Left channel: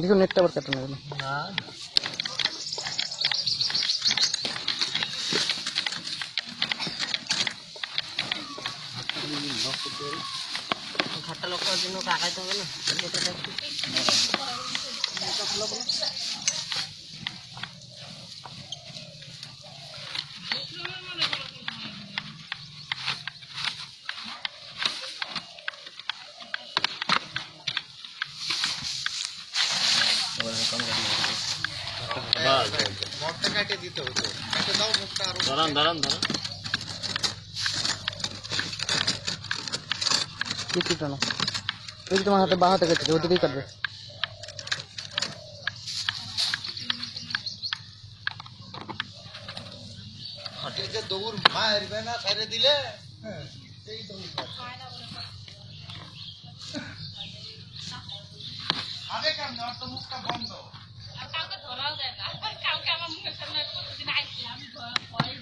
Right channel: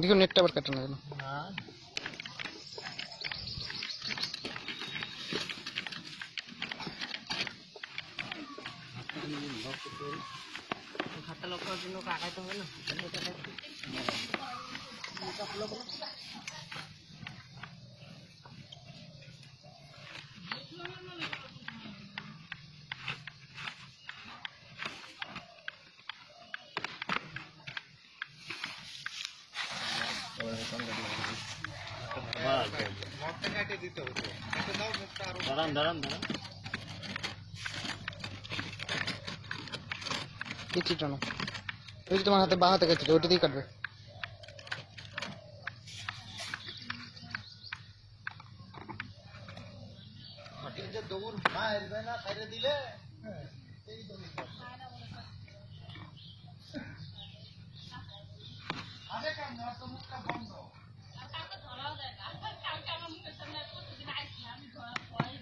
দেখো নেটটা আবার কাটে না কেন? না ঘাটটা লক করার জন্য কাকাইতে হবে না। দাঁড়ান দাঁড়ান দাঁড়ান কি টানো ওই তোমার হাতে বা হাতে কেটে ওদিকেই কাটবে। দৌড় মারবে না ছেড়ে দিলে এই দৌড় আগে কেমন ওর তো মুখটা বন্ধ আর কাউকে ধরাও দেয় না। কাউকে আমার মুখের সামনে প্রতিদিন আইছি আমি ভয়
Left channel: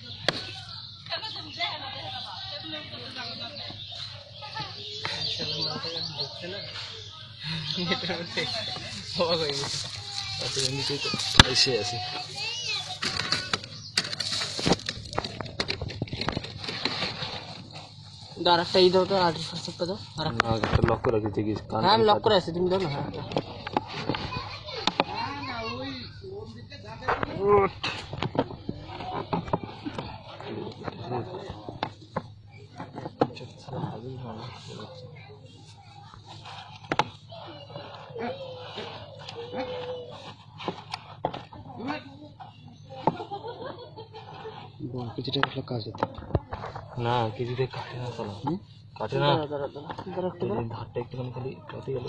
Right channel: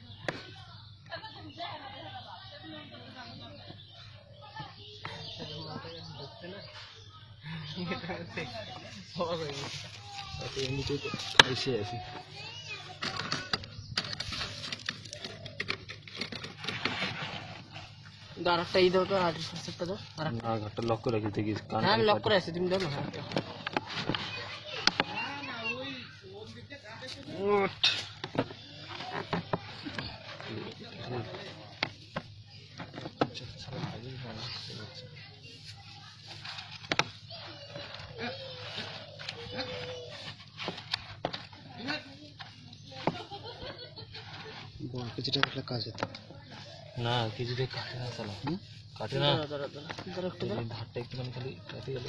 কেন তুমি দেখে না দেখে বাবা কেমন করতে যাবো না সেটা মাথায় ঢুকছে না এটার মধ্যে অবাক হয়ে গেছে। তাতে এমনিতেই তো এসে আছে আরেকটা এই দাও তো 8% দাও আরেকটা লক করে রাখি দেখিস। হ্যাঁ আমি লক করে আছি তুমি দাও না আরেকটা কিছুটা একটা কাজ হতো না কিছুতে কাটে না চলো কাটে না ধারটা একটুখানি খালি কাটে গেল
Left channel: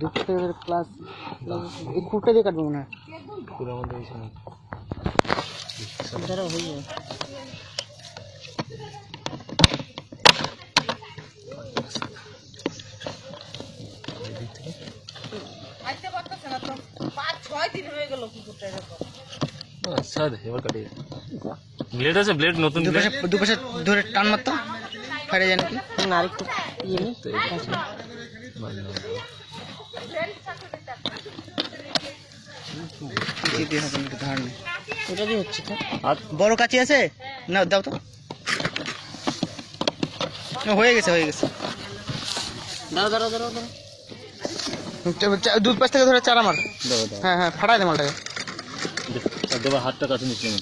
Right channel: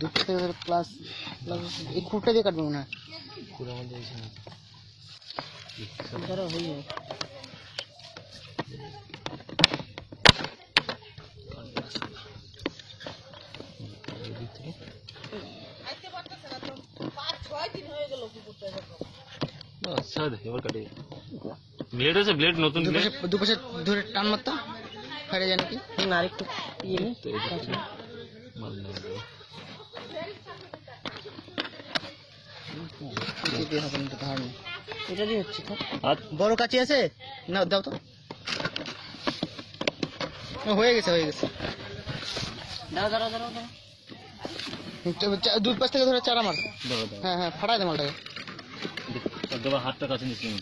দুটো প্লাস এই খুঁটটা দিয়ে কাটবো না পুরো আমাদের এখানে ধরো হয়ে যাবে। এবার কাটি ব্লেড আছে ব্লেড নতুন দুপাশে ধরে টান মারতো ফাইরে যায় নাকি না আরেকটু ইয়ে নেই ধার নেই ওটা দিয়ে হচ্ছে বড় কাঁচি আছে না দাও তো হয়ে গেছে দাও দাঁড়াও দাঁড়াও দাঁড়াও দুধ পাশ থেকে ধরে চারা মার। হ্যাঁ হ্যাঁ ফাটাই দে মালটাকে দেবার হাতটা কাটে নিচ্ছিলাম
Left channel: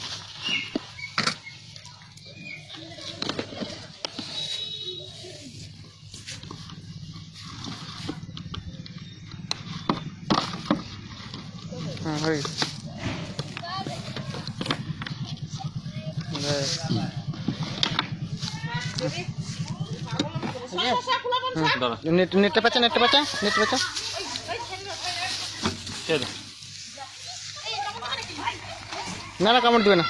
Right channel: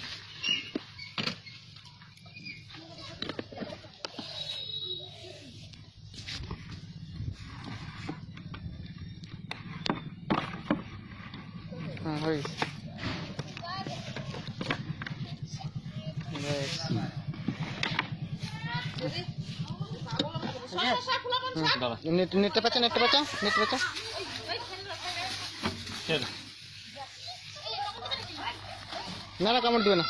হ্যাঁ হয়ে গেছে নেটটা পাচা না কামড় দিবে না।